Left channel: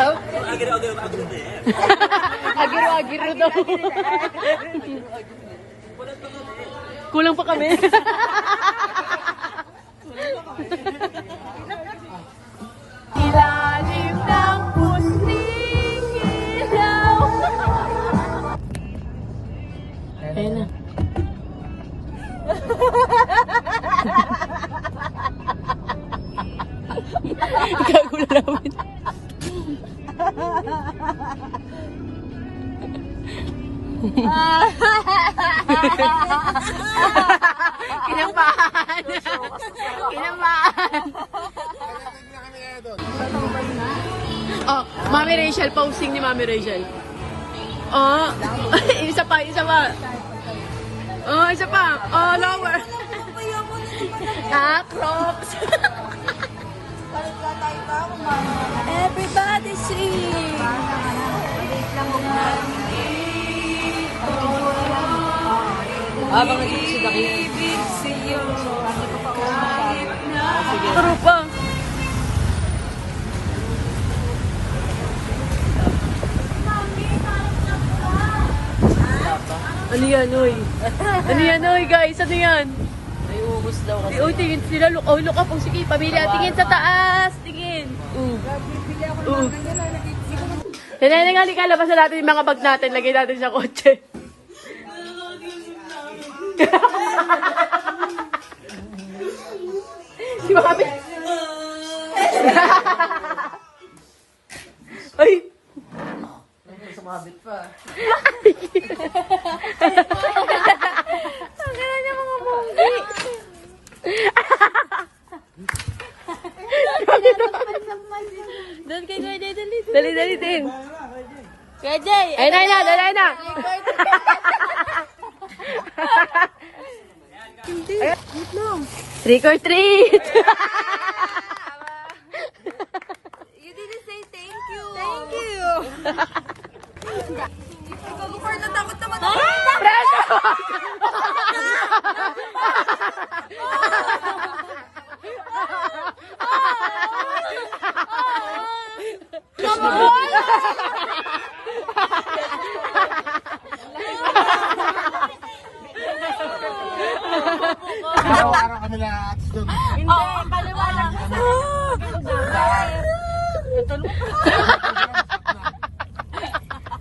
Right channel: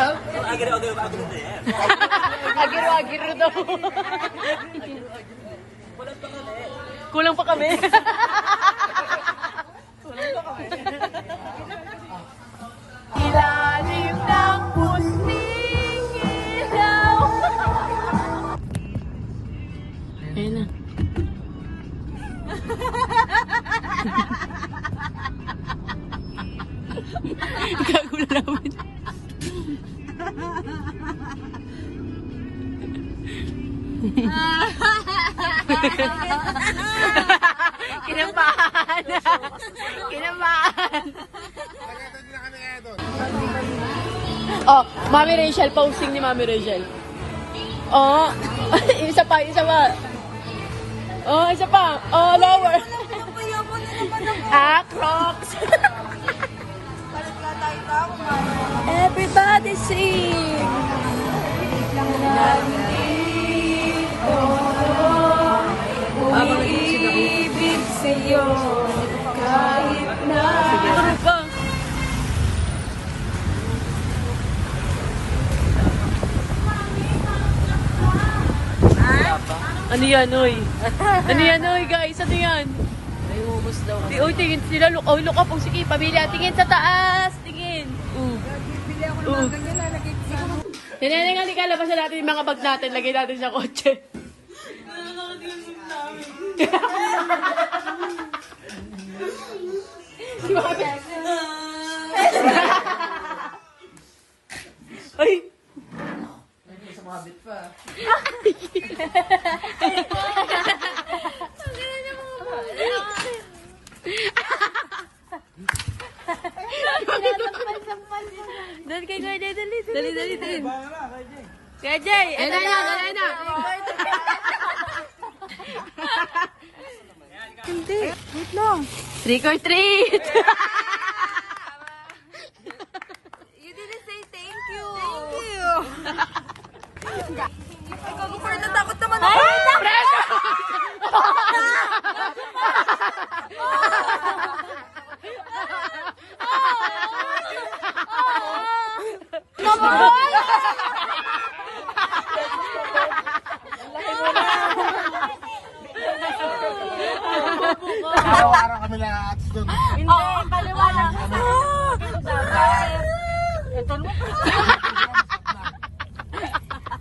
Sarap. Kulang pa kami. Ayan na. Gagulawan. Kinabahan. Kinabahan. Oh, Mami Rachel, posting ni Mami Rachel. Oh, isa pa. Oh, isa pa. Oh, lower. Crocs. Everybody sing. Ibig sa'yo kahit na. Turo pa. Ano yan, oy? Ano yan, oy, guys? Ano yan? Ay, ubos daw kasi. Oy, tingin sila. Look up. Sige, pamilya. Tingin sa taas. Tingin. Tineneng, halika. Labasan natin yung mga bag natin. Lagay natin sa kotse. Si Mami. Ay. Sumabit pa. Ang ganda niya mga munggi. Doon kay Kuya Jay, dali din. Kuya Jay, ayun na. Hindi, wait lang. Trick or treat. You didn't say thank you. Thank you. Pag-upar na takot naman ako. Preso!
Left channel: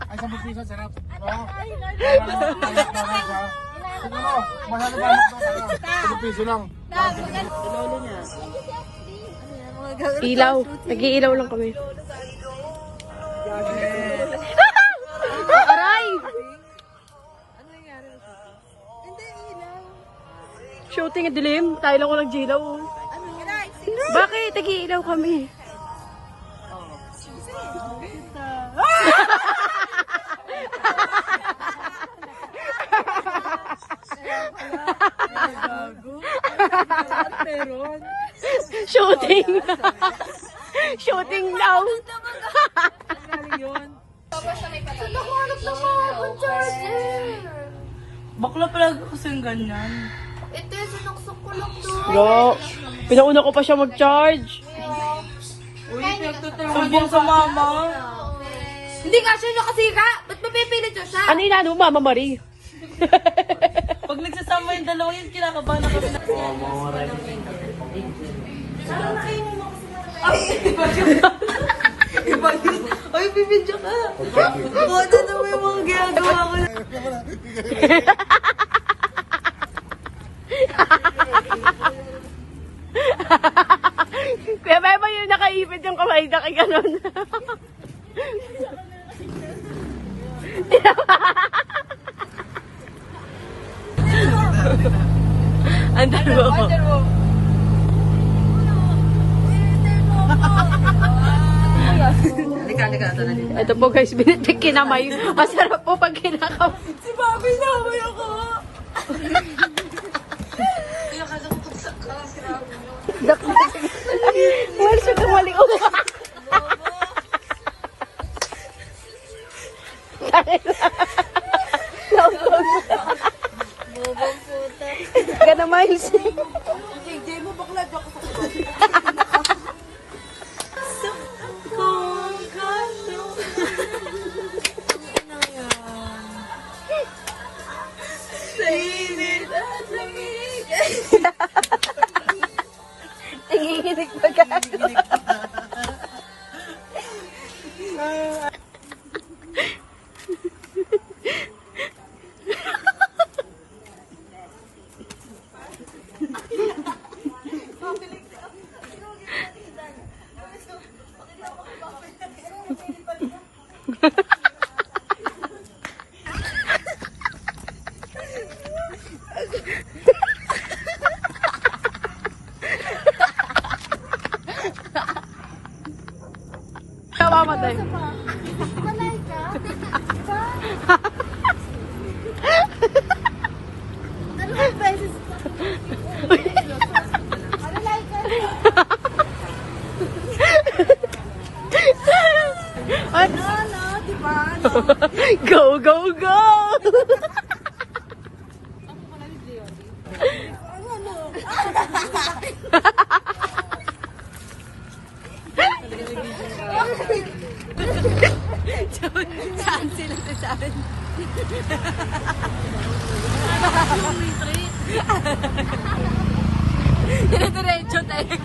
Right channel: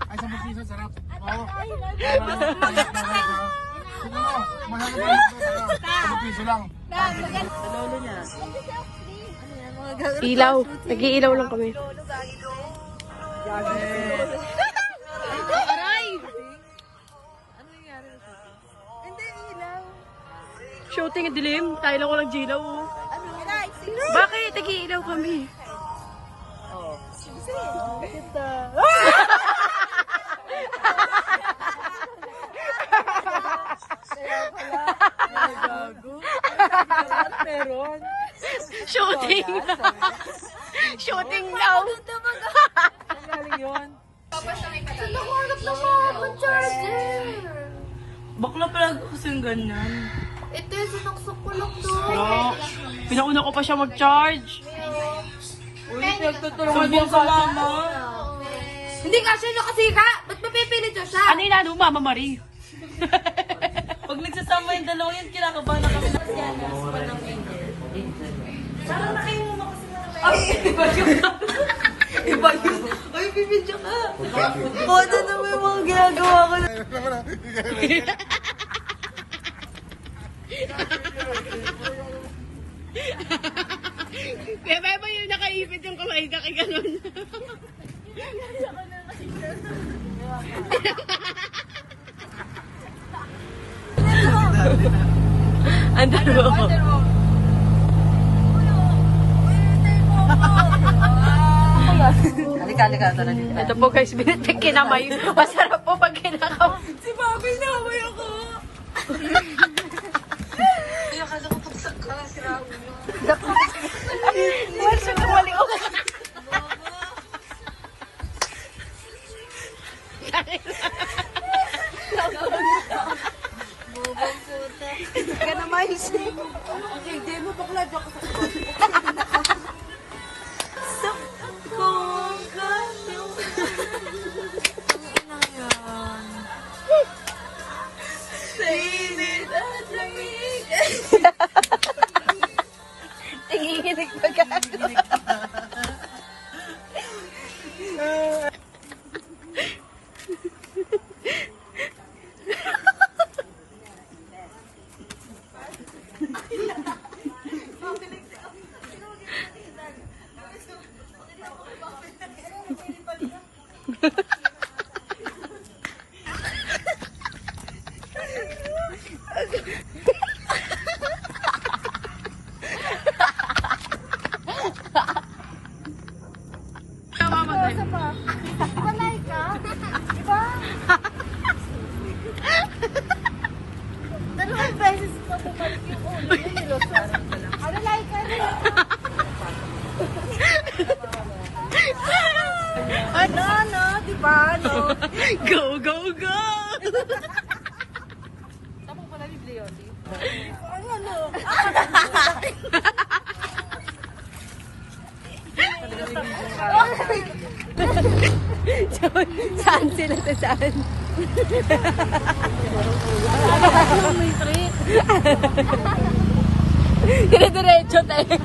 Ay, 10 piso, sarap. Mahal ba? 10 piso lang. Ilaw. Nag-iilaw lang kami. Aray! Shooting ang dilim. Tayo lang ko nag-gilaw. Bakit? Nag-iilaw kami. Shooting. Shooting lang. Bakla pala kasing ganyan. Ito yung sinukso ko lang doon. Bro, pinauna ko pa siya mag-charge. Sumbong sa mama. Hindi nga siya nakasira. Ba't mapipilit ko siya? Ano yung ano, Mama Marie? Pag nagsasama yung dalawa yun, kinakabahan na kami na. Ay, iba yun. Iba yun. Ay, bibidyo ka. Ano naman yung mga ginagawa ko na. Kaya ba yung nakaipit yung kamay na kay ganon? Andal mo. Halika na dito. Ito po guys, binitik kinamay. Masarap po pag kinamay. Si Bobby na kamay ako. Kinakala ko pag sirabi nyo. Uy, siya kumali ko. Bubong puta. Ka naman. Hindi mo bakla dyan. mamamatay. Malay ka? Diba? Dalawang beses ko. Malay ka rin. Ano, no? Diba? No? Go, go, go! Ano? Saan sila sa saan? Dire-diretso tayo.